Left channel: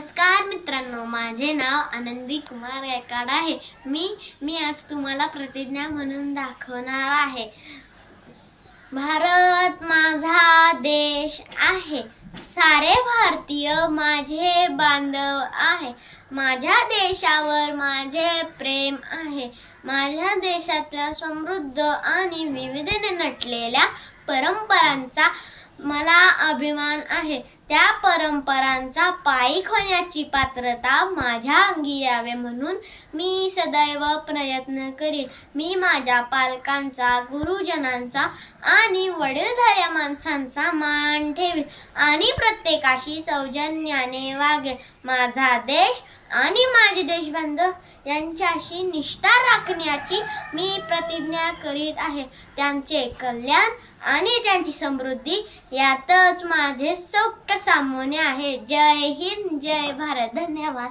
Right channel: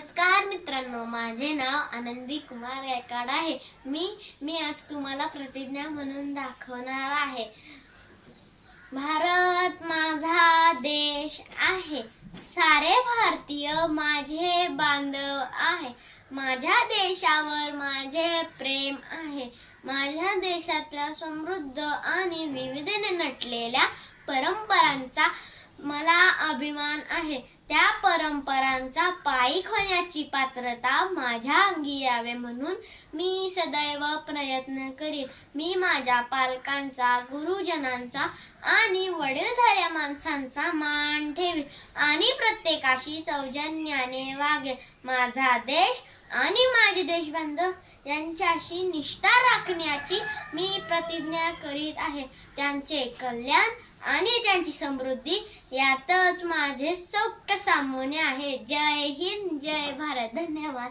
नमस्कार मित्रांनो, माझे नाव आनंदी कुमार गायकवाड आहे। मी आज तुम्हाला प्रतिज्ञा म्हणून दाखवणार आहे। भारत माझा देश आहे, सारे भारतीय माझे बांधव आहे। माझ्या देशावर माझे प्रेम आहे। माझ्या देशातल्या समृद्ध आणि विविधतेने नटलेल्या परंपरांचा मला अभिमान आहे। त्या परंपरांचा पाईक होण्याची पात्रता माझ्या अंगी यावे म्हणून मी सदैव प्रयत्न करीन। मी माझ्या पालकांचा, गुरुजनांचा आणि वडीलधाऱ्या माणसांचा मान ठेवीन आणि प्रत्येकाशी सौजन्याने वागेन। माझा देश आणि माझे देशबांधव यांच्याशी निष्ठा राखण्याची मी प्रतिज्ञा करीत आहे। त्यांचे कल्याण आणि त्यांची समृद्धी यातच माझे सौख्य सामान्य आहे। जय हिंद, जय भारत। धन्यवाद।